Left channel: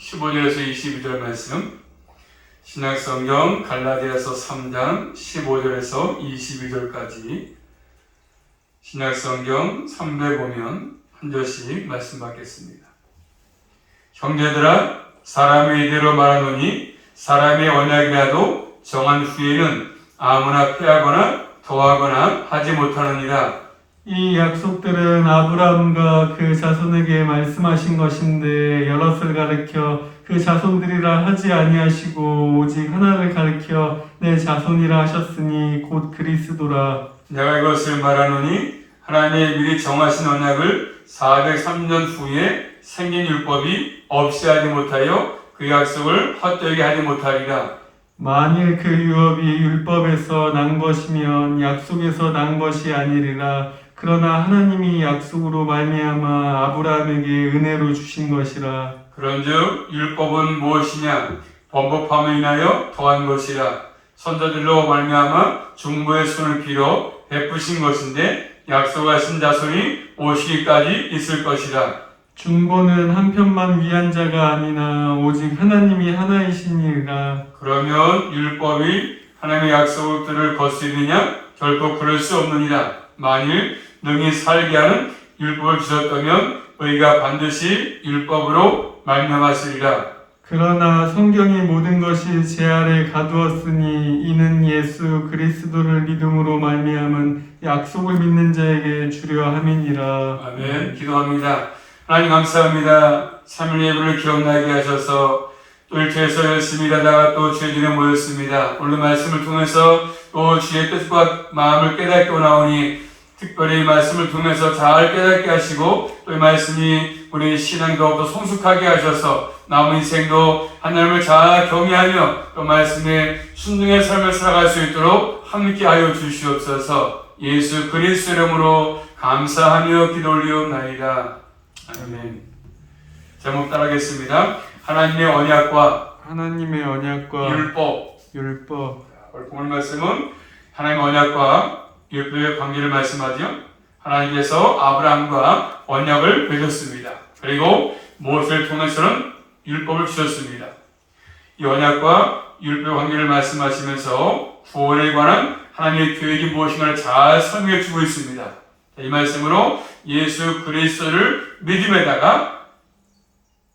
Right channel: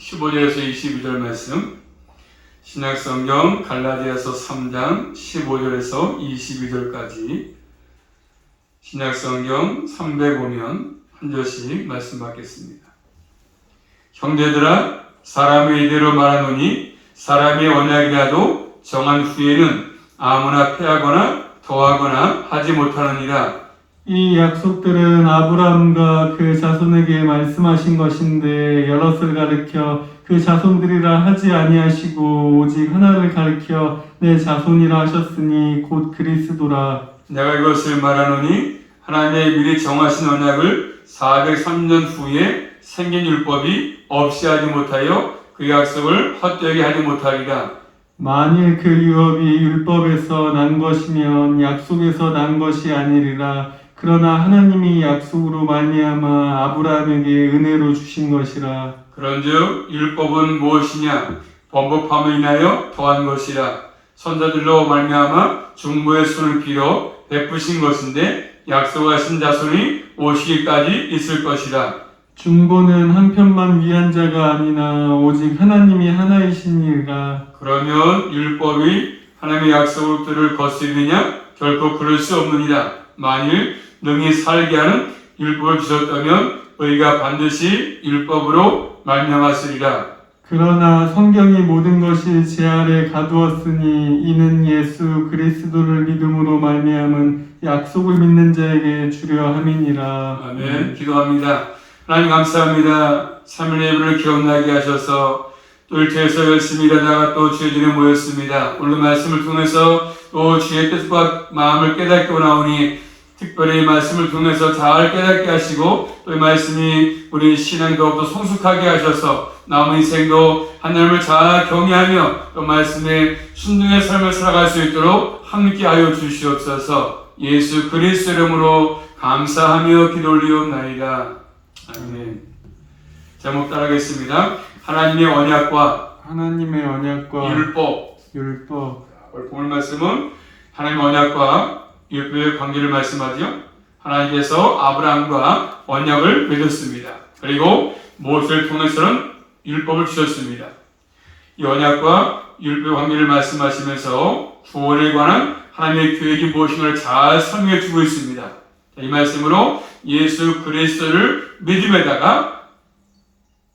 15절에서 22절 말씀, 신약성경 갈라디아서 3장 15절에서 22절까지 신약성경 3보면 한 절씩 말씀 받겠습니다. 형제들아, 사람의 이대로 말하노니 사람의 언약이라도 정한 후에는 아무나 패하거나 더하거나 하지 못하느니라. 이 약속들은 아브라함과 그 자손에게 말씀하신 것인데 여럿을 가리켜 그 자손들이라 하지 아니하시고 오직 하나를 가리켜 내 자손이라 하셨으니 곧 그리스도라. 내가 이것을 말하노니 하나님의 미리 정하신 언약을 403년 후에 생긴 율법이 없이 하지 못하여 그 약속을 헛되게 하지 못하리라. 만일 그 유업이 율법에서 난 것이면 약속에서 난 것이 아니리라. 그러나 하나님이 약속으로 말미암아 아브라함에게 은혜로 주신 것이라. 그런즉 율법은 무엇이냐? 번복함을 인하여 더한 것이라. 선자들로 말미암아 중보의 손을 빌어 베푸신 것인데 약속하신 자손이 오시기까지 있을 것이라. 중보는 한편만 위한 자가 아니나 오직 하나님이 하나이시니라. 그러면 율법이 하나님의 약속들을 거스르느냐? 결코 그럴 수 없느니라. 만일 능히 살게 하는 율법을 주셨다면 의가 반드시 율법으로 말미암았으리라. 그러나 성경이 모든 것이 제 아래 가두었으니 이는 예수 그리스도를 믿음으로 말미암은 약속을 믿는 자에게 주려 함이니라. 아멘. 기도합니다. 하나님 감사합니다. 3일 예배를 기억나게 하셔서 또 일터에서 열심히 일하다가 또 주의 전에 모였습니다. 오늘 말씀을 통해서 또 주의 뜻과 마음을 깨닫게 나오니 특별히 이 말씀을 통해서 잘 깨닫게 하시고 또 이 말씀이 우리 신앙 더욱더 성숙하게 하셔서 남은 인생도 하나님을 잘 경외하며 또 말씀에 순종의 삶을 살아갈 수 있도록 함께하여 주시옵소서. 예수 그리스도 이름으로 감사하며 기도 올리옵나이다. 아멘. 제목 따라하겠습니다. 하나님의 하나님의 언약과 율법. 오늘 본 말씀은 하나님의 언약과 율법의 관계를 말씀하죠. 하나님께서 아브라함과 언약을 맺었습니다. 그리고 모세를 통해서는 율법을 주셨습니다. 이 언약과 율법의 관계를 말씀하시면서 구원에 관한 하나님의 계획이 무엇인가를 잘 설명해 주고 있습니다. 이 말씀으로 예수 그리스도를 믿음에다가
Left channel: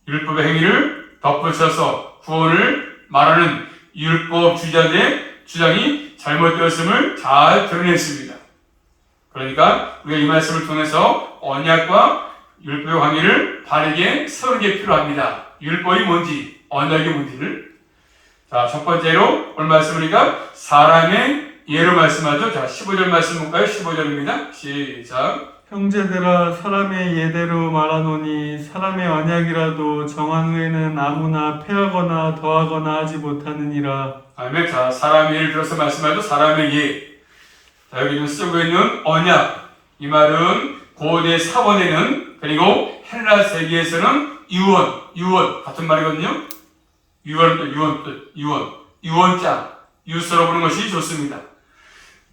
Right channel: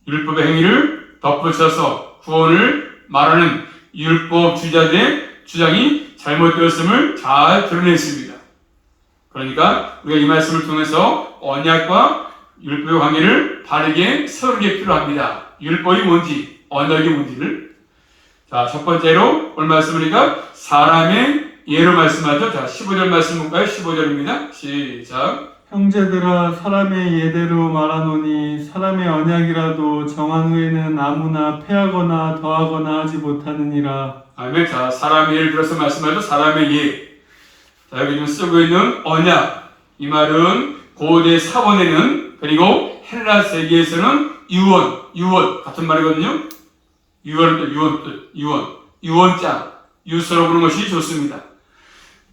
율법의 행위를 덧붙여서 구원을 말하는 율법 주자들의 주장이 잘못되었음을 잘 드러냈습니다. 그러니까 우리가 이 말씀을 통해서 언약과 율법의 관계를 바르게 세우는 게 필요합니다. 율법이 뭔지, 언약이 뭔지를. 자, 첫 번째로 오늘 말씀이니까 사람의 예로 말씀하죠. 자, 15절 말씀 볼까요? 15절입니다. 시작. 형제들아, 사람의 예대로 말하노니 사람의 언약이라도 정한 후에는 아무나 패하거나 더하거나 하지 못하느니라. 아멘. 자, 사람의 예를 들어서 말씀하죠. 사람의 예. 자, 여기 지금 쓰고 있는 언약. 이 말은 고대 사원에는 그리고 헬라 세계에서는 유언 같은 말이거든요. 유언장, 유서로 부르는 것이 좋습니다.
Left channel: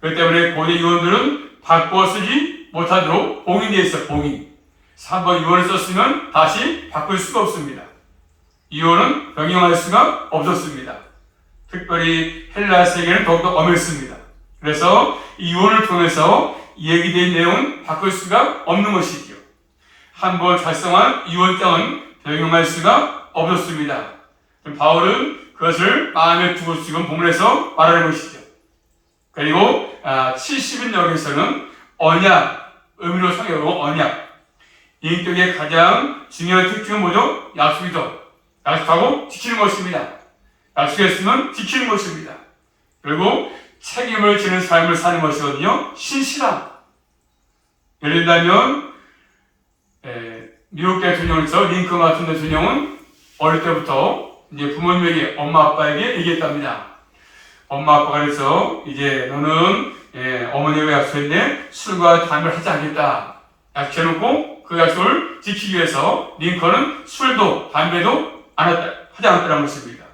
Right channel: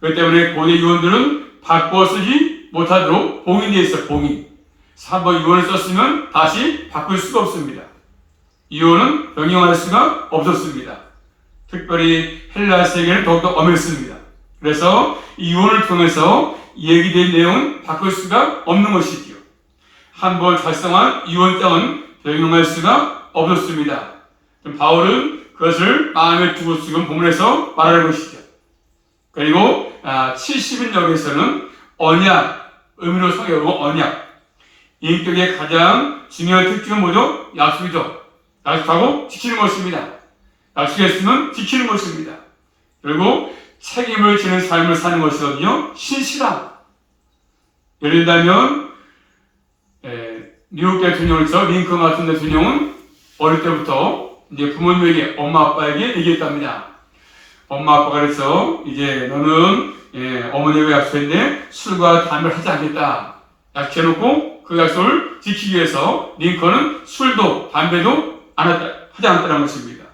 그렇기 때문에 고대 유언들은 바꿔 쓰지 못하도록 봉인되어 있어요. 봉인. 한번 유언을 썼으면 다시 바꿀 수가 없습니다. 유언은 변경할 수가 없었습니다. 특별히 헬라 세계는 더욱더 엄했습니다. 그래서 이 유언을 통해서 얘기된 내용은 바꿀 수가 없는 것이지요. 한번 작성한 유언장은 변경할 수가 없었습니다. 바울은 그것을 마음에 두고 지금 본문에서 말하는 것이죠. 그리고 70인역에서는 언약, 의미로 상해로 언약. 인격의 가장 중요한 특징은 뭐죠? 약속이죠. 약속하고 지키는 것입니다. 약속했으면 지키는 것입니다. 그리고 책임을 지는 삶을 사는 것이거든요. 신실함. 예를 들면 미국 대통령으로서 링컨 같은 대통령은 어릴 때부터 이제 부모님에게 엄마 아빠에게 얘기했답니다. 엄마 아빠가 그래서 이제 너는 어머니가 약속했는데 술과 담배를 하지 않겠다. 약속해놓고 그 약속을 지키기 위해서 링컨은 술도 담배도 하지 않았다는 것입니다.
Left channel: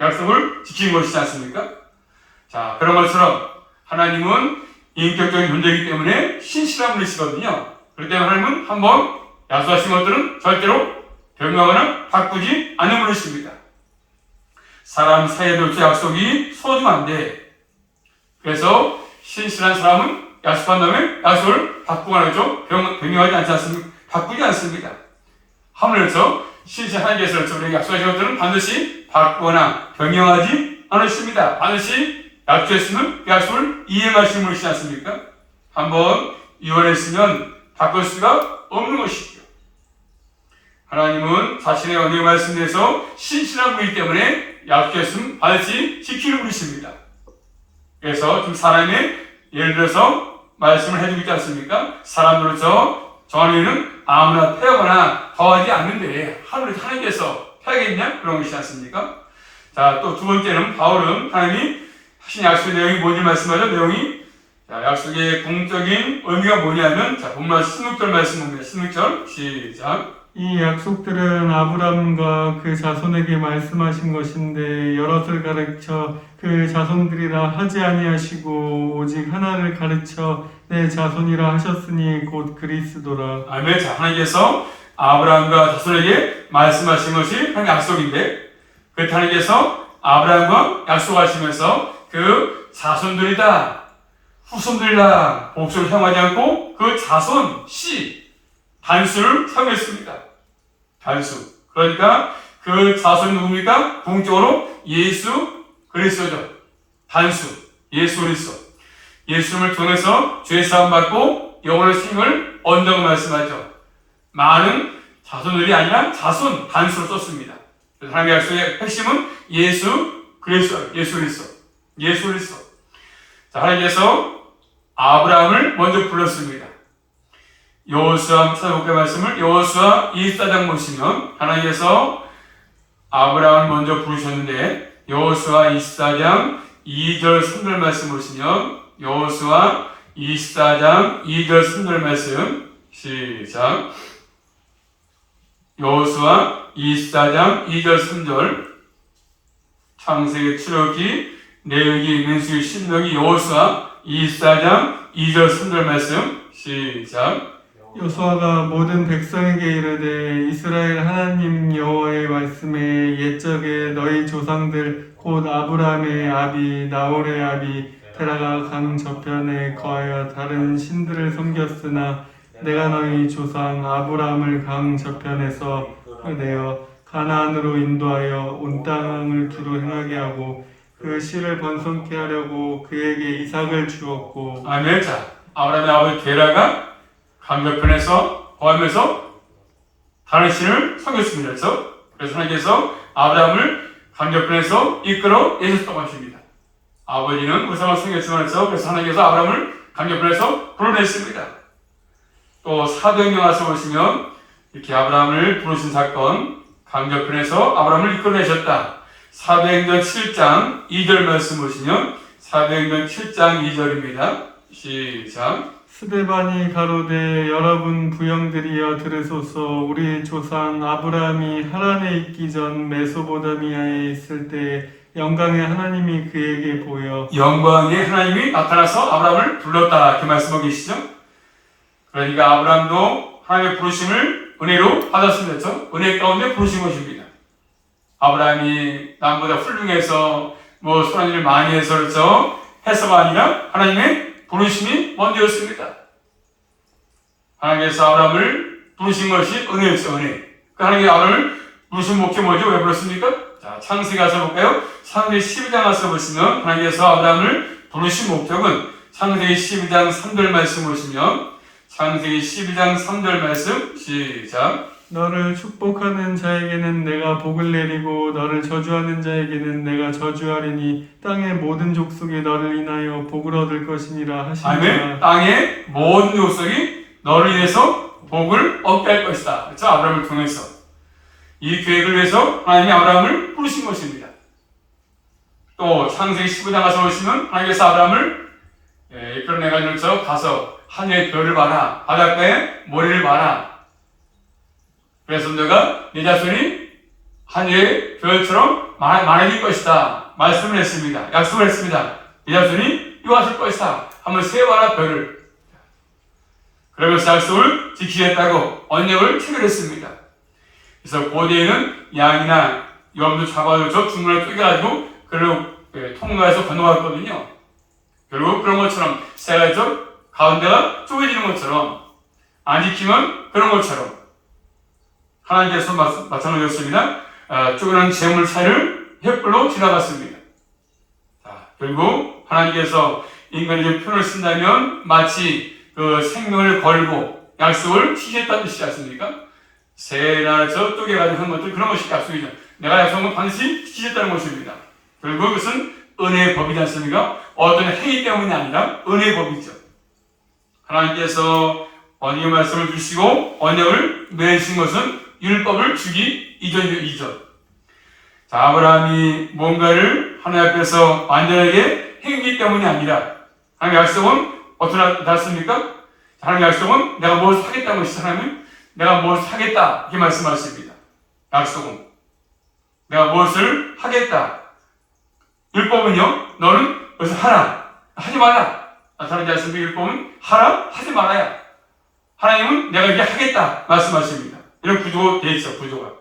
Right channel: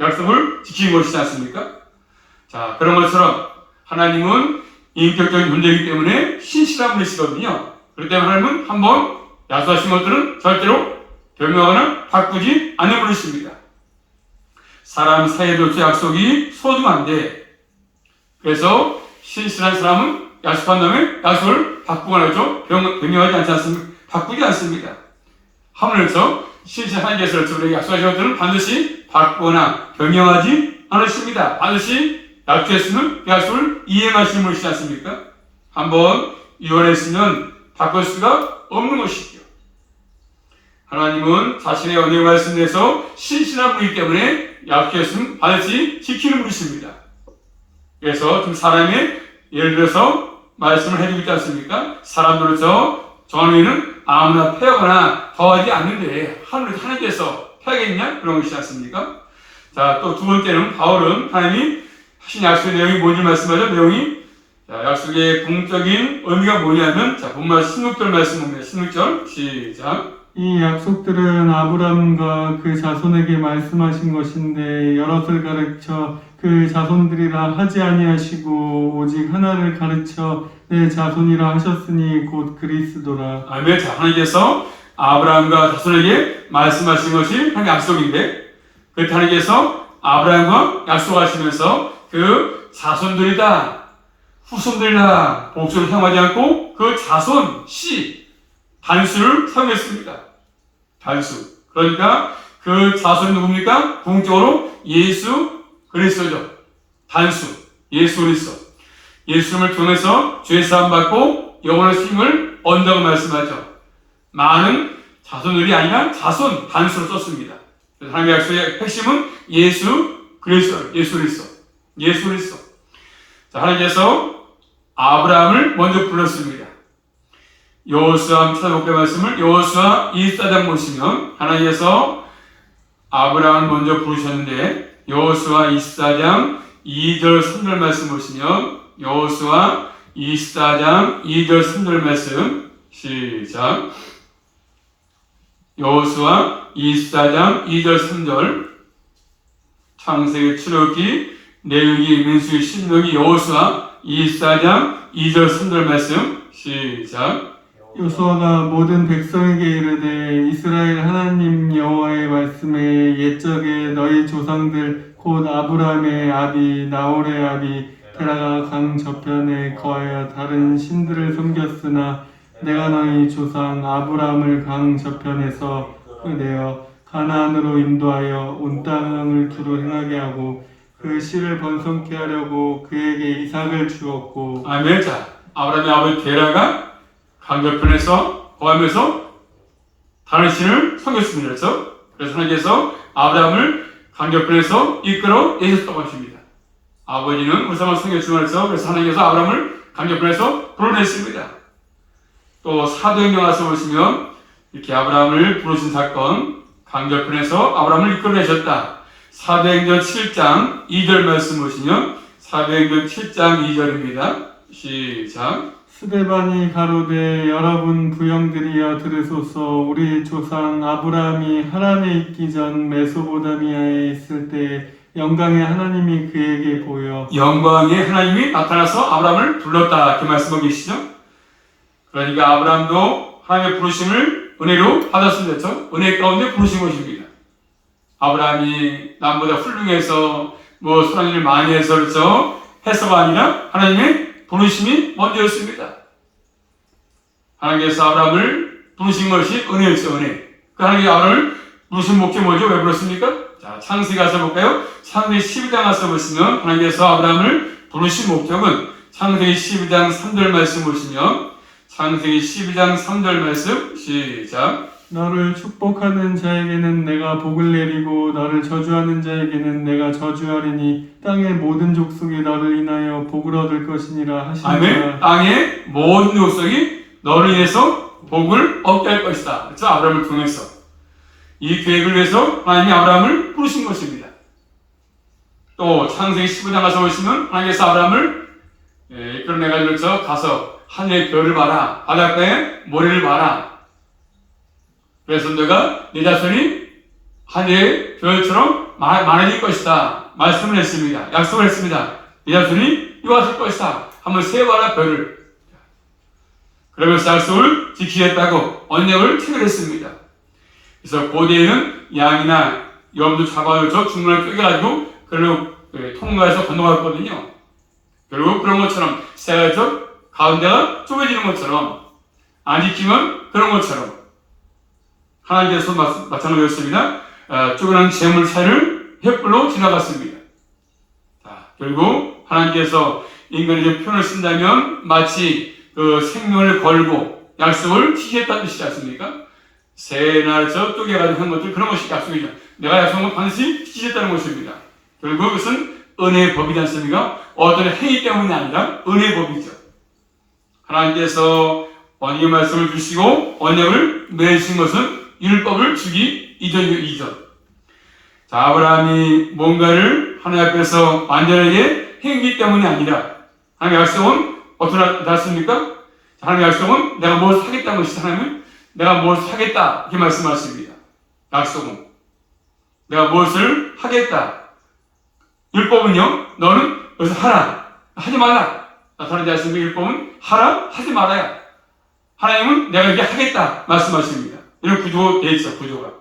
약속을 지키는 것이지 않습니까? 자, 그런 것처럼 하나님은 인격적인 존재이기 때문에 신실한 분이시거든요. 그렇기 때문에 하나님은 한번 약속하신 것들은 절대로 변명하거나 바꾸지 않는 것입니다. 사람 새해도 주 약속이 소중한데, 그래서 신실한 사람은 약속한 다음에 약속을 바꾸거나 하죠. 변명하지 않지 않습니까? 바꾸지 않습니다. 하물며 신실한 하나님께서 우리에게 약속하신 것들은 반드시 바꾸거나 변명하지 않으십니다. 반드시 약속했으면 그 약속을 이행하시는 것이지 않습니까? 한번 유언했으면 바꿀 수가 없는 것이죠. 하나님은 자신의 언약의 말씀에서 신실한 분이기 때문에 약속했으면 반드시 지키는 분이십니다. 그래서 좀 사람의 예를 들어서 말씀을 해주고 있지 않습니까? 사람으로서 정의는 아무나 패하거나 더하지 않는데 하나님께서 패하겠냐? 그런 것이지 않습니까? 자, 또 두 번째는 바울은 하나님이 하신 약속의 내용이 뭔지 말씀하죠. 내용이 자, 약속의 공적인 의미가 뭐냐면 자, 본문 16절 말씀 봅니다. 16절 시작. 이 약속들은 아브라함과 그 자손에게 말씀하신 것인데 여럿을 가르쳐 그 자손들이라 하지 아니하시고 오직 하나를 가르쳐 내 자손이라 하셨으니 곧 그리스도라. 아멘. 자, 하나님께서 아브라함과 자손에게 말씀하신 것이 하나님의 약속인데 그때 하나님께서 아브라함과 약속하시면서 그 자손들이다, 후손들이다 복수를 사용하지 않고 그 자손, 씨, 단수를 사용했습니다. 단수. 그러니까 그 자손 누굽니까? 공적으로 예수 그리스도죠. 단수, 예수 그리스도. 예수님을 통해서 죄 사함 받고 영원한 생을 얻는다고 말씀하죠. 많은 자손들이 아니라 자손, 단수를 썼습니다. 하나님의 약속의 핵심은 예수 그리스도, 예수 그리스도, 예수 그리스도. 자, 하나님께서 아브라함을 먼저 불렀습니다. 여호수아 찾아볼게요. 말씀을 여호수아 24장 보시면 하나님께서 아브라함을 먼저 부르셨는데 여호수아 24장 2절 3절 말씀 보시면 여호수아 24장 2절 3절 말씀 시작. 여호수아 24장 2절 3절 창세기, 출애굽기, 레위기, 민수기, 신명기, 여호수아 24장 2절 3절 말씀 시작. 여호수아가 모든 백성에게 이르되 이스라엘 하나님 여호와의 말씀에 옛적에 너희 조상들 곧 아브라함의 아비 나홀의 아비 테라가 강 저편에 거하여 다른 신들을 섬겼으나 내가 너희 조상 아브라함을 강 저편에서 내어 가나안으로 인도하여 온 땅을 두루 행하게 하고 그 씨를 번성케 하려고 그에게 이삭을 주었고. 아멘. 자, 아브라함의 아버지 데라가 강저편에서 거하면서 다른 신을 섬겼습니다. 그래서 하나님께서 아브라함을 강저편에서 이끌어 내셨다고 하십니다. 아버지는 우상을 섬겼지만 그래서 하나님께서 아브라함을 강저편에서 불러냈습니다. 또 사도행전 와서 보시면 이렇게 아브라함을 부르신 사건, 강저편에서 아브라함을 이끌어내셨다. 사도행전 7장 2절 말씀 보시면 사도행전 7장 2절입니다. 시작. 스데반이 가로되 여러분 부형들이여 들으소서. 우리 조상 아브라함이 하란에 있기 전 메소포타미아에 있을 때 영광의 하나님이 그에게 보여 영광의 하나님이 나타나서 아브라함을 불렀다. 이렇게 말씀하고 계시죠. 그러니까 아브라함도 하나님의 부르심을 은혜로 받았습니다. 은혜 가운데 부르신 것입니다. 아브라함이 남보다 훌륭해서 선한 일을 많이 해서 그렇죠. 해서가 아니라 하나님의 부르심이 먼저였습니다. 하나님께서 아브라함을 부르신 것이 은혜였죠. 은혜. 그 하나님이 아브라함을 부르신 목적이 뭐죠? 왜 불렀습니까? 자, 창세기 가서 볼까요? 창세기 12장 가서 보시면 하나님께서 아브라함을 부르신 목적은 창세기 12장 3절 말씀 보시면 창세기 12장 3절 말씀 시작. 너를 축복하는 자에게는 내가 복을 내리고 너를 저주하는 자에게는 내가 저주하리니 땅의 모든 족속이 너를 인하여 복을 얻을 것이니라 하시니라. 아멘. 땅의 모든 족속이 너를 위해서 복을 얻게 할 것이다. 그렇죠? 아브라함을 통해서 이 계획을 위해서 하나님이 아브라함을 부르신 것입니다. 또 창세기 15장 가서 보시면 하나님께서 아브라함을 이끌어내가지고 가서 하늘의 별을 봐라, 바닷가에 모래를 봐라. 그래서 너가 네 자손이 하늘의 별처럼 많아질 것이다. 말씀을 했습니다. 약속을 했습니다. 네 자손이 이루어질 것이다. 한번 세봐라 별을. 그러면서 약속을 지키겠다고 언약을 체결했습니다. 그래서 고대에는 양이나 염도 잡아서 중간에 쪼개가지고 그리고 통로에서 건너갔거든요. 그리고 그런 것처럼 새가족 가운데가 쪼개지는 것처럼 안 지키면 그런 것처럼 하나님께서 마찬가지였습니다. 쪼개는 재물차를 횃불로 지나갔습니다. 결국 하나님께서 인간의 표현을 쓴다면 마치 그 생명을 걸고 약속을 지켰다는 뜻이지 않습니까? 새나 쪼개가지고 한 것들 그런 것이 약속이죠. 내가 약속한 건 반드시 지켰다는 것입니다. 결국 그것은 은혜의 법이지 않습니까? 어떤 행위 때문이 아니라 은혜의 법이죠. 하나님께서 언약의 말씀을 주시고 언약을 맺으신 것은 율법을 주기 이전이죠. 자, 아브라함이 뭔가를 하나님 앞에서 완전하게 행기 때문이 아니라 하나님의 약속은 어떻게 났습니까? 하나님의 약속은 내가 뭘 사겠다는 것이죠. 하나님은 내가 뭘 사겠다 이렇게 말씀하십니다. 약속은 내가 무엇을 하겠다. 율법은요, 너는 여기서 하라, 하지 말라. 나타나지 않습니까? 율법은 하라, 하지 말아야. 하나님은 내가 이게 하겠다 말씀하십니다. 이런 구조가 되어 있어, 구조가.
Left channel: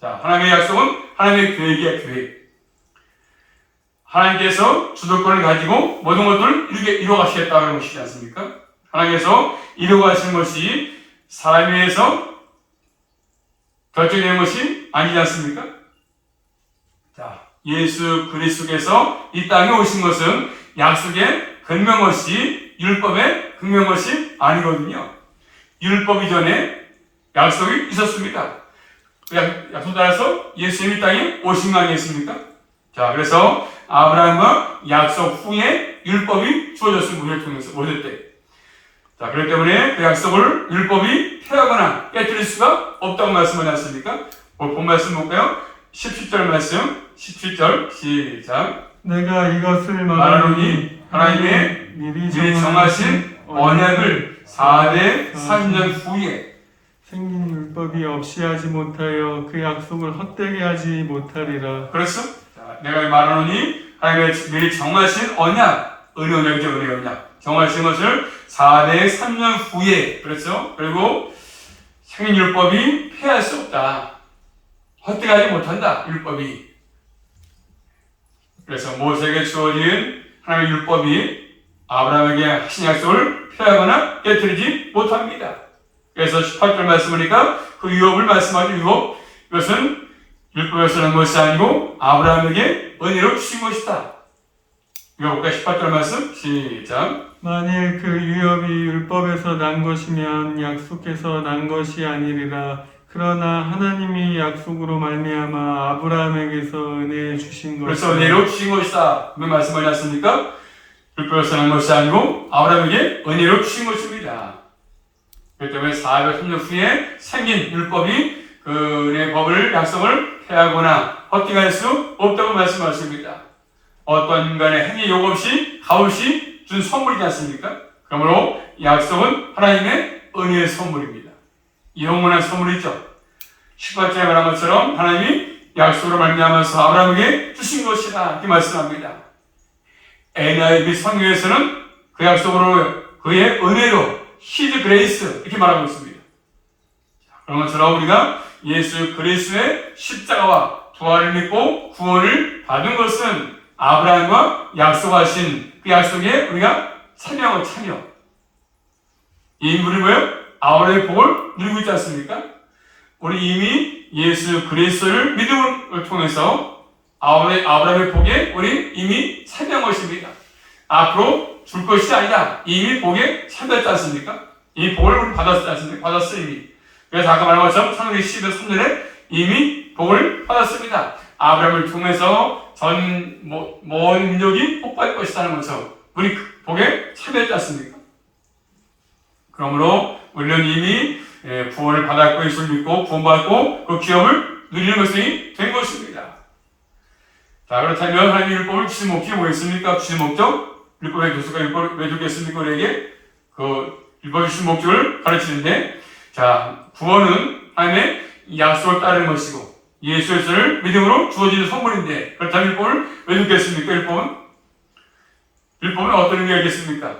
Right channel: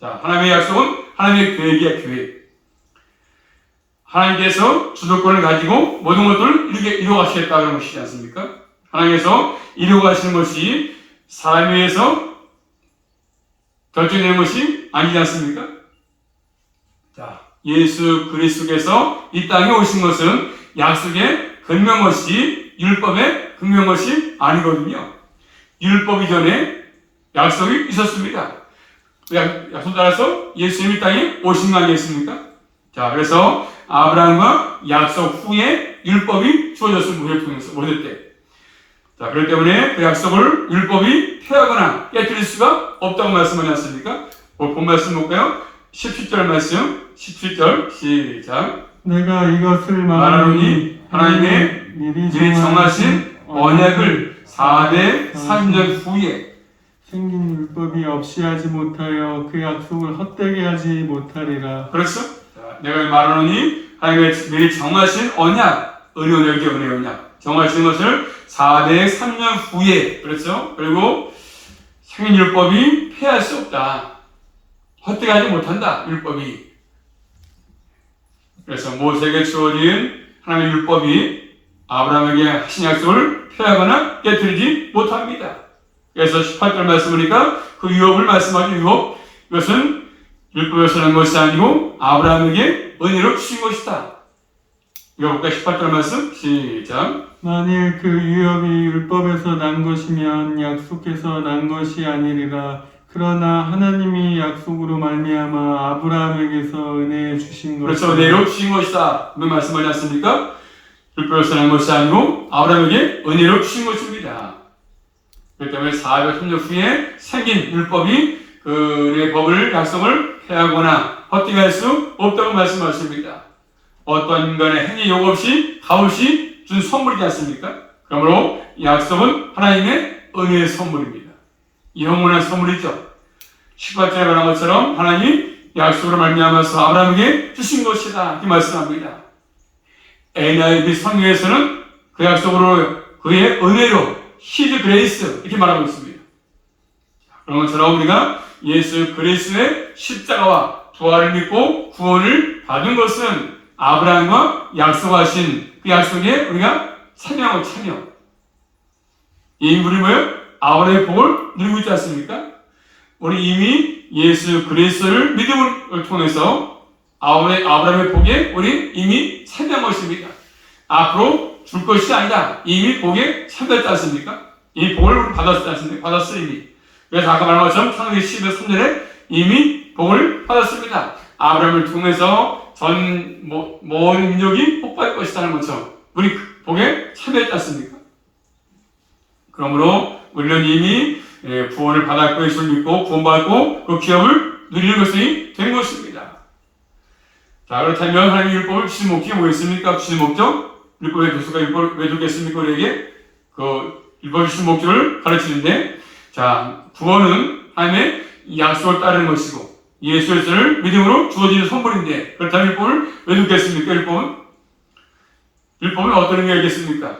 자, 하나님의 약속은 하나님의 계획이야, 계획. 하나님께서 주도권을 가지고 모든 것들을 이루어가시겠다는 것이지 않습니까? 하나님께서 이루어가시는 것이 사람에 의해서 결정되는 것이 아니지 않습니까? 자, 예수 그리스도께서 이 땅에 오신 것은 약속의 근명 것이 율법의 근명 것이 아니거든요. 율법 이전에 약속이 있었습니다. 약속 따라서 예수님이 이 땅에 오신 거 아니겠습니까? 자, 그래서 아브라함과 약속 후에 율법이 주어졌습니다. 모실 때. 자, 그렇기 때문에 그 약속을 율법이 폐하거나 깨뜨릴 수가 없다고 말씀하셨습니까? 본 말씀 볼까요? 17절 말씀, 17절 시작. 내가 이것을 말하노니 하나님의 미리 정하신 언약을 4대 3년 후에 생긴 율법이 없이 하지 못하여 그 약속을 헛되게 하지 못하리라. 그렇죠? 자, 내가 말하노니 하나님의 미리 정하신 언약, 은혜 언약이죠, 은혜 언약. 정하신 것을 4대 3년 후에, 그렇죠? 그리고 생긴 율법이 폐할 수 없다. 헛되게 하지 못한다, 율법이. 그래서 모세에게 주어진 하나님의 율법이 아브라함에게 하신 약속을 폐하거나 깨뜨리지 못합니다. 그래서 18절 말씀 보니까 그 유업을 말씀하죠. 유업. 이것은 율법에서 난 것이 아니고 아브라함에게 은혜로 주신 것이다. 읽어볼까? 18절 말씀 시작. 만일 그 유업이 율법에서 난 것이면 약속해서 난 것이 아니리라. 그러나 하나님이 약속으로 말미암아 아브라함에게서 은혜 주신 것이다. 그렇죠. 은혜로 주신 것이다. 그 말씀하지 않습니까? 율법에서 난 것이 아니고 아브라함에게 은혜로 주신 것입니다. 그렇기 때문에 400년 후에 생긴 율법이 그 은혜의 법을 약속을 폐하거나 헛되게 할 수 없다고 말씀하십니다. 어떤 인간의 행위 요구 없이 값없이 준 선물이지 않습니까? 그러므로 약속은 하나님의 은혜의 선물입니다. 영원한 선물이죠. 18절에 말한 것처럼 하나님이 약속으로 말미암아서 아브라함에게 주신 것이다 이렇게 말씀합니다. NIV 성경에서는 그 약속으로 그의 은혜로 His grace 이렇게 말하고 있습니다. 그런 것처럼 우리가 예수 그리스도의 십자가와 부활을 믿고 구원을 받은 것은 아브라함과 약속하신 그 약속에 우리가 참여하고 참여. 이 인물이 뭐예요? 아브라함의 복을 누리고 있지 않습니까? 우리 이미 예수 그리스도를 믿음을 통해서 아브라함의 복에 우리 이미 참여한 것입니다. 앞으로 줄 것이 아니라 이미 복에 참여했지 않습니까? 이 복을 받았지 않습니까? 받았어 이미. 그래서 아까 말한 것처럼 창세기 12장 3절에 이미 복을 받았습니다. 아브라함을 통해서 전 모든 민족이 복받을 것이라는 것처럼 우리 복에 참여했지 않습니까? 그러므로 우리는 이미 구원을 받았고 예수를 믿고 구원받고 그 기업을 누리는 것이 된 것입니다. 자, 그렇다면 하나님의 율법을 주신 목적이 뭐겠습니까? 주신 목적? 율법의 교수가 율법을 왜 주겠습니까? 우리에게 그 율법 주신 목적을 가르치는데, 자, 구원은 하나님의 약속을 따르는 것이고 예수 그리스도를 믿음으로 주어지는 선물인데, 그렇다면 율법을 왜 주겠습니까? 율법은 어떤 의미가 있겠습니까?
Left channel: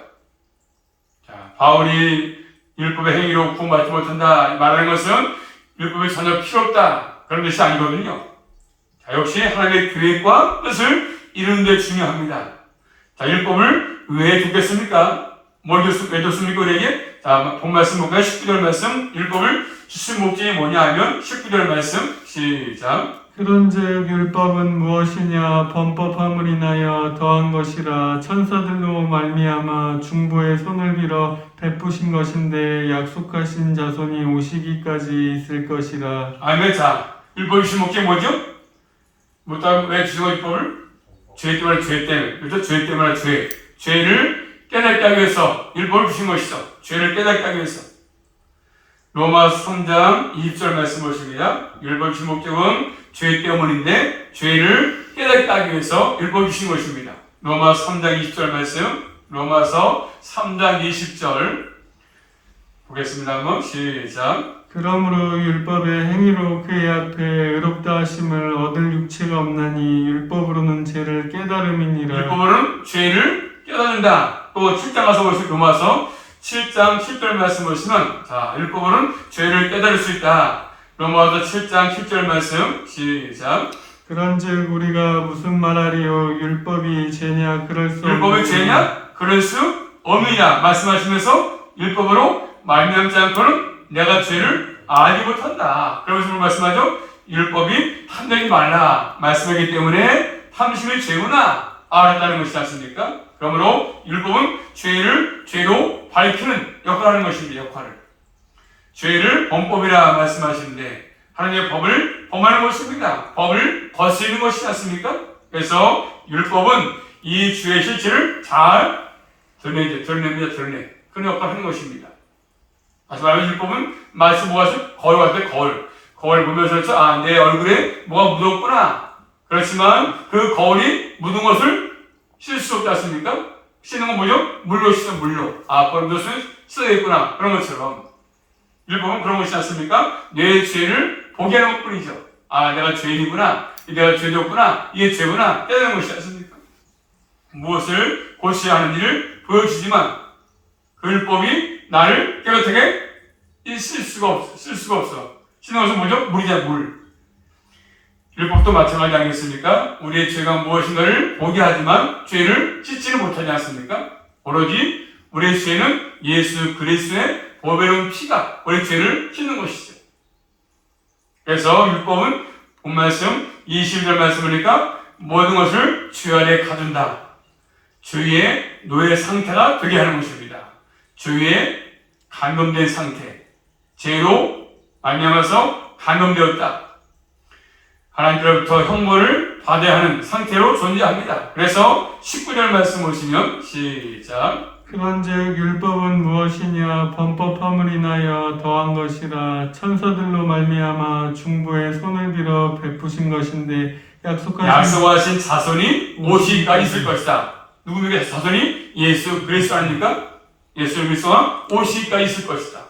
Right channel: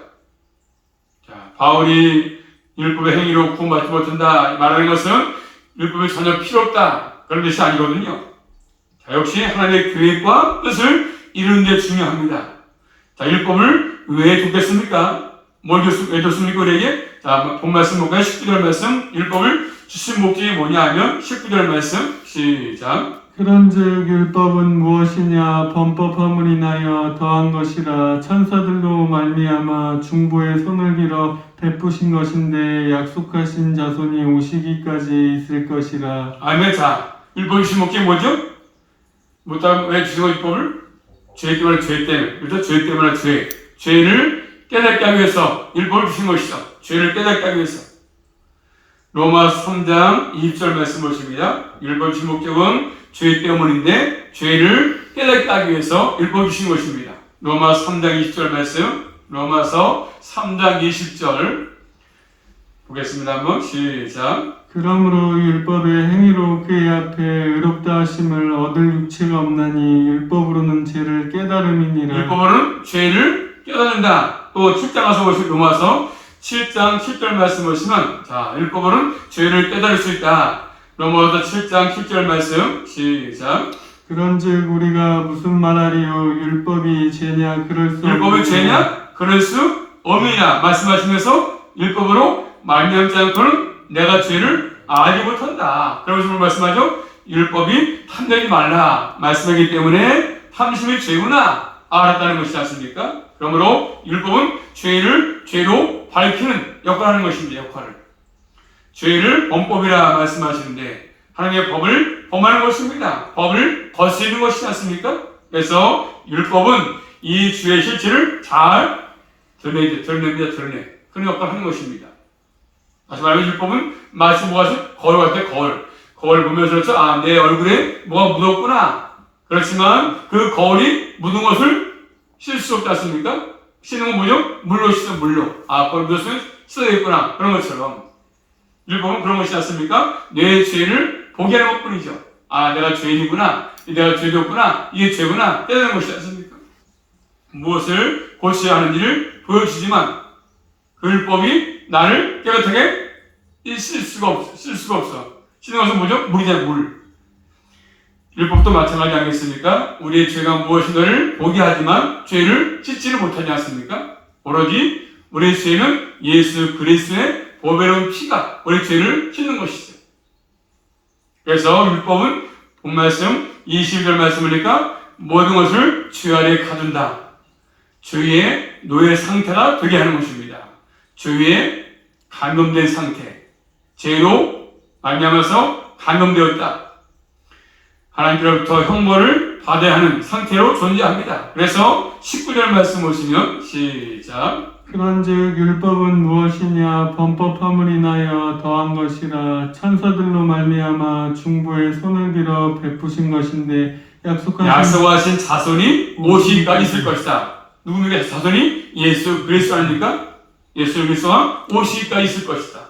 자, 바울이 율법의 행위로 구원받지 못한다 말하는 것은 율법이 전혀 필요 없다. 그런 뜻이 아니거든요. 자, 역시 하나님의 계획과 뜻을 이루는 데 중요합니다. 자, 율법을 왜 줬겠습니까? 왜 줬습니까, 우리에게? 자, 본 말씀 볼까요? 19절 말씀. 율법을 주신 목적이 뭐냐 하면 19절 말씀. 시작. 그런즉 율법은 무엇이냐? 범법함을 인하여 더한 것이라. 천사들로 말미암아 중보의 손을 빌어 베푸신 것인데 약속하신 자손이 오시기까지 있을 것이라. 아멘. 자, 율법이 주신 목적이 뭐죠? 왜 주신 거 율법을? 죄 때문에 죄 때문에. 그래서 죄 때문에 죄. 죄를 깨닫게 하기 위해서 율법을 주신 것이죠. 죄를 깨닫게 하기 위해서. 로마서 3장 20절 말씀 보십니다. 율법 주신 목적은 죄 때문인데 죄를 깨닫게 하기 위해서 율법 주신 것입니다. 로마서 3장 20절 말씀. 로마서 3장 20절 보겠습니다. 한번 시작. 그러므로 율법의 행위로 그의 앞에 의롭다 하심을 얻을 육체가 없나니 율법으로는 죄를 깨달음이니라. 율법으로는 죄를 깨닫는다. 또 7장 가서 보시면 로마서 7장 7절 말씀 보시면 자, 율법으로는 죄를 깨달을 수 있다. 로마서 7장 7절 말씀 시작. 그런즉 우리가 무슨 말하리요? 율법이 죄냐? 그럴 수 없느냐. 율법이 죄냐? 그럴 수 없느냐 말씀하시면서 율법으로 말미암지 않고는 내가 죄를 알지 못한다. 그러면서 말씀하죠. 율법이 탐내지 말라 말씀하기 때문에 탐심이 죄구나 알았다는 것이지 않습니까? 그러므로 율법은 죄를 죄로 밝히는 역할을 하는 것입니다. 역할을. 죄를 범법이라 말씀하시는데 하나님의 법을 범하는 것입니다. 법을 거스르는 것이지 않습니까? 그래서 율법은 이 죄의 실체를 잘 드러냅니다. 그런 역할을 하는 것입니다. 다시 말하면 율법은 마치 뭐가 거울 같아, 거울. 거울 보면서 그렇죠? 아, 내 얼굴에 뭐가 묻었구나. 그렇지만 그 거울이 묻은 것을 씻을 수 없지 않습니까? 씻는 건 뭐죠? 물로 씻어, 물로. 아, 거울 묻었으면 씻어야겠구나. 그런 것처럼. 율법은 그런 것이지 않습니까? 내 죄를 보게 하는 것 뿐이죠. 아, 내가 죄인이구나. 내가 죄되었구나. 이게 죄구나. 깨닫는 것이지 않습니까? 무엇을 고쳐야 하는지를 보여주지만 그 율법이 나를 깨끗하게 쓸 수가 없어. 씻는 것은 뭐죠? 물이잖아, 물. 율법도 마찬가지 아니겠습니까? 우리의 죄가 무엇인가를 보게 하지만 죄를 씻지를 못하지 않습니까? 오로지 우리의 죄는 예수 그리스도의 보배로운 피가 우리의 죄를 씻는 것이죠. 그래서 율법은 본 말씀 20절 말씀이니까 모든 것을 죄 아래 가둔다. 죄의 노예 상태가 되게 하는 것입니다. 죄에 감염된 상태, 죄로 말미암아서 감염되었다. 하나님께로부터 형벌을 받아야 하는 상태로 존재합니다. 그래서 19절 말씀 보시면 시작. 그런즉 율법은 무엇이냐? 범법함을 인하여 더한 것이라. 천사들로 말미암아 중보의 손을 빌어 베푸신 것인데 약속하신 자손이 오시기까지 있을 것이다. 누구에게 자손이? 예수 그리스도 아닙니까? 예수 그리스도가 오시기까지 있을 것이다.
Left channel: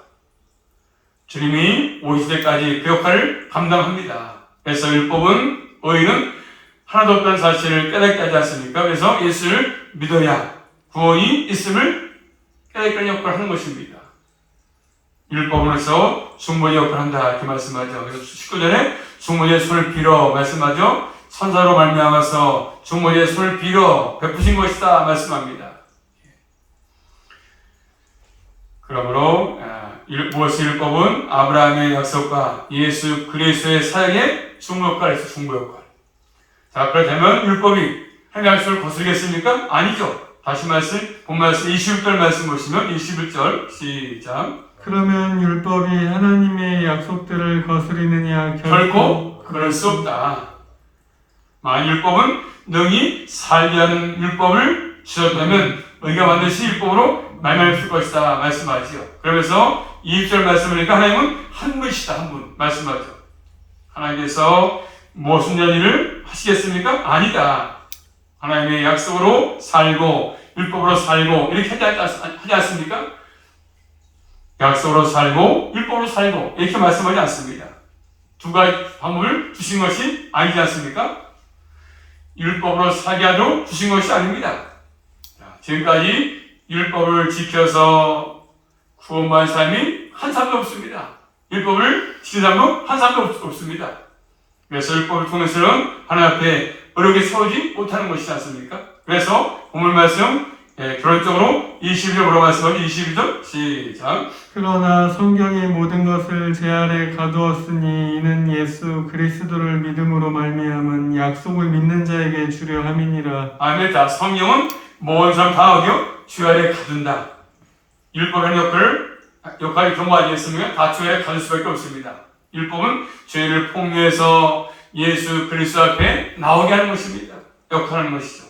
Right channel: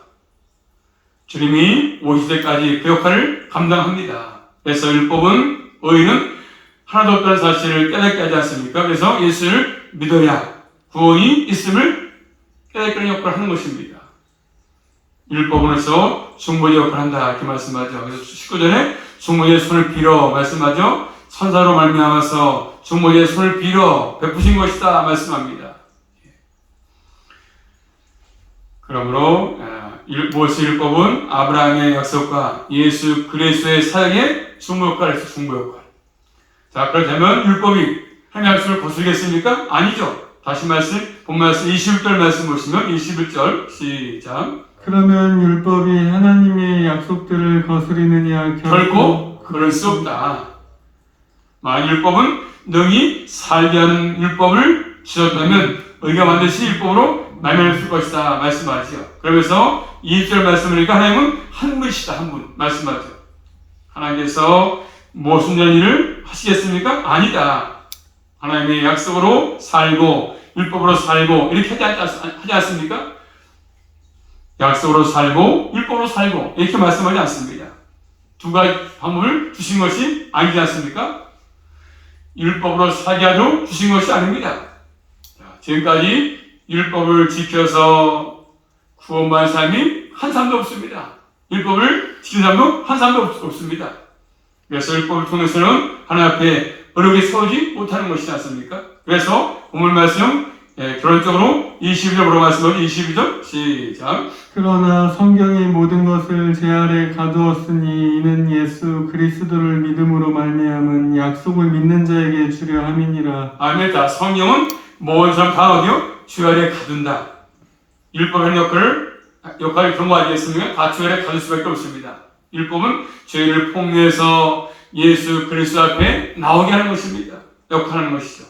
주님이 오실 때까지 그 역할을 감당합니다. 그래서 율법은 의인은 하나도 없다는 사실을 깨닫게 하지 않습니까? 그래서 예수를 믿어야 구원이 있음을 깨닫게 하는 역할을 하는 것입니다. 율법으로서 중보의 역할을 한다 이렇게 말씀하죠. 그래서 19절에 중보의 손을 빌어 말씀하죠. 천사로 말미암아서 중보의 손을 빌어 베푸신 것이다 말씀합니다. 그러므로 무엇이 율법은 아브라함의 약속과 예수 그리스도의 사역의 중보 역할을 해서 중보 역할. 자, 그렇다면 율법이 하나님의 약속을 거스르겠습니까? 아니죠. 다시 본 말씀 21절 말씀 보시면 21절 시작. 그러면 율법이 하나님의 약속들을 거스리느냐? 결코 그럴 수 없다. 만약 율법은 능히 살게 하는 율법을 주셨다면 의가 반드시 율법으로 말미암을 것이다 말씀하지요. 그러면서 20절 말씀이니까 하나님은 한 분이시다. 한 분 말씀하죠. 하나님께서 무슨 일을 하시겠습니까? 아니다. 하나님의 약속으로 살고 율법으로 살고 이렇게 하지 않습니까? 약속으로 살고 율법으로 살고 이렇게 말씀하지 않습니다. 두 가지 방법을 주신 것이 아니지 않습니까? 율법으로 살게 하도록 주신 것이 아닙니다. 자, 지금까지 율법을 지켜서 구원받은 사람이 한 사람도 없습니다. 율법을 지킨 사람도 한 사람도 없습니다. 그래서 율법을 통해서는 하나님 앞에 어렵게 서지 못하는 것이지 않습니까? 그래서 오늘 말씀 결론적으로 22절으로 말씀하죠. 22절 시작. 그러나 성경의 모든 것을 제 아래 가두었으니 이는 예수 그리스도를 믿음으로 말미암은 약속을 믿는 자에게 주려 함이니라. 아멘. 자, 성경은 모든 사람 다 어디요? 주 아래 가둔다. 율법의 역할이 그런 거 아니겠습니까? 다 주 아래 가둘 수밖에 없습니다. 율법은 죄를 폭로해서 예수 그리스도 앞에 나오게 하는 것입니다. 역할하는 것이죠.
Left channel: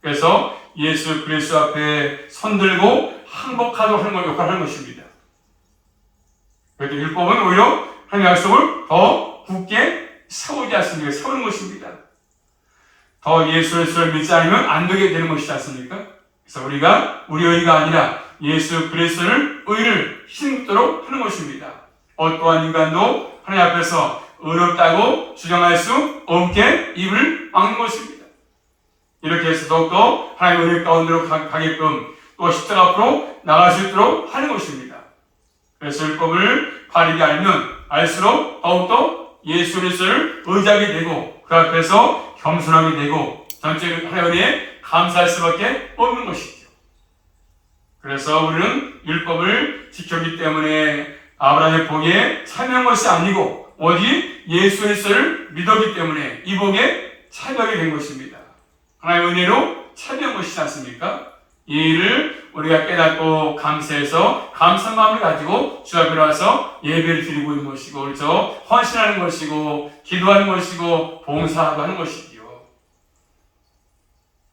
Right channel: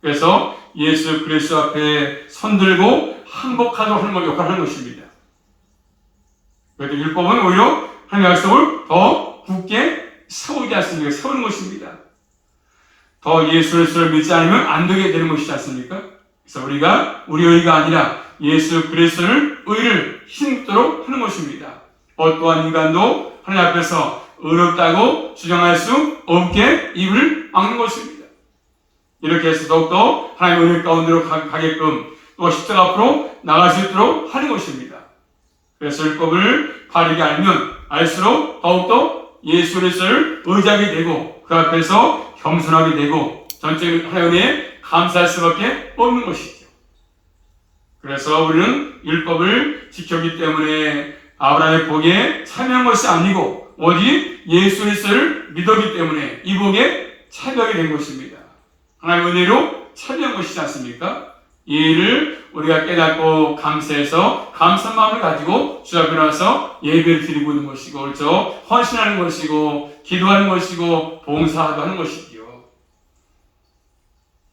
그래서 예수 그리스도 앞에 손들고 항복하도록 하는 것, 역할을 하는 것입니다. 그래서 율법은 오히려 하나님의 약속을 더 굳게 세우지 않습니까? 세우는 것입니다. 더 예수 그리스도를 믿지 않으면 안 되게 되는 것이지 않습니까? 그래서 우리가 우리 의가 아니라 예수 그리스도를 의를 힘입도록 하는 것입니다. 어떠한 인간도 하나님 앞에서 의롭다고 주장할 수 없게 입을 막는 것입니다. 이렇게 해서 더욱더 하나님의 은혜 가운데로 가게끔 또 십자가 앞으로 나갈 수 있도록 하는 것입니다. 그래서 율법을 바르게 알면 알수록 더욱더 예수 그리스도를 의지하게 되고 그 앞에서 겸손하게 되고 전적인 하나님의 은혜에 감사할 수밖에 없는 것이죠. 그래서 우리는 율법을 지켰기 때문에 아브라함의 복에 참여한 것이 아니고 오직 예수 그리스도를 믿었기 때문에 이 복에 참여하게 된 것입니다. 하나님의 은혜로 참여한 것이지 않습니까? 이 일을 우리가 깨닫고 감사해서 감사한 마음을 가지고 주 앞에 나와서 예배를 드리고 있는 것이고 그렇죠? 헌신하는 것이고 기도하는 것이고 봉사도 하는 것이지요.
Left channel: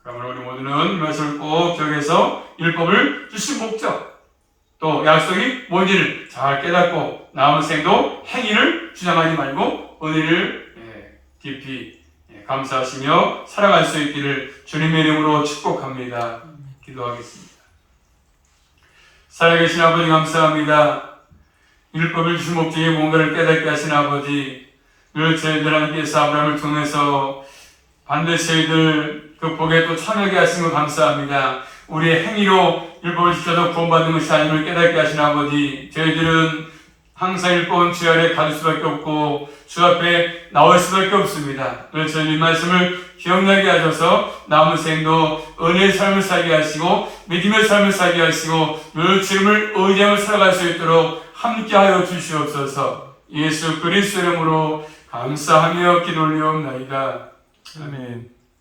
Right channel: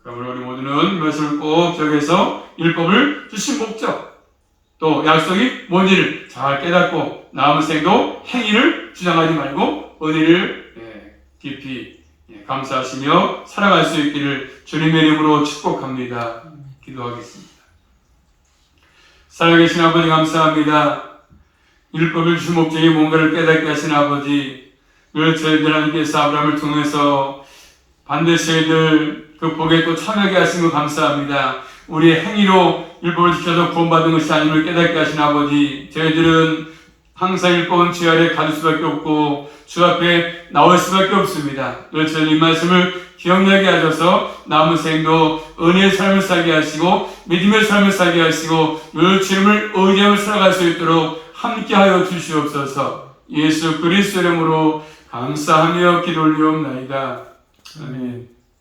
그러므로 우리 모두는 이 말씀을 꼭 기억해서 율법을 주신 목적 또 약속이 뭔지를 잘 깨닫고 남은 생도 행위를 주장하지 말고 은혜를 깊이 감사하시며 살아갈 수 있기를 주님의 이름으로 축복합니다. 기도하겠습니다. 살아계신 아버지 감사합니다. 율법을 주신 목적이 뭔가를 깨닫게 하신 아버지 늘 저희들 하나님께서 아브라함을 통해서 반드시 저희들 그 복에 또 참여하게 하신 것 감사합니다. 우리의 행위로 율법을 지켜서 구원받는 것이 아님을 깨닫게 하신 아버지 저희들은 항상 율법은 주 아래 가둘 수밖에 없고 주 앞에 나올 수밖에 없습니다. 그래서 이 말씀을 기억나게 하셔서 남은 생도 은혜의 삶을 살게 하시고 믿음의 삶을 살게 하시고 늘 주님을 의지하며 살아갈 수 있도록 함께하여 주시옵소서. 예수 그리스도 이름으로 감사하며 기도 올리옵나이다. 아멘.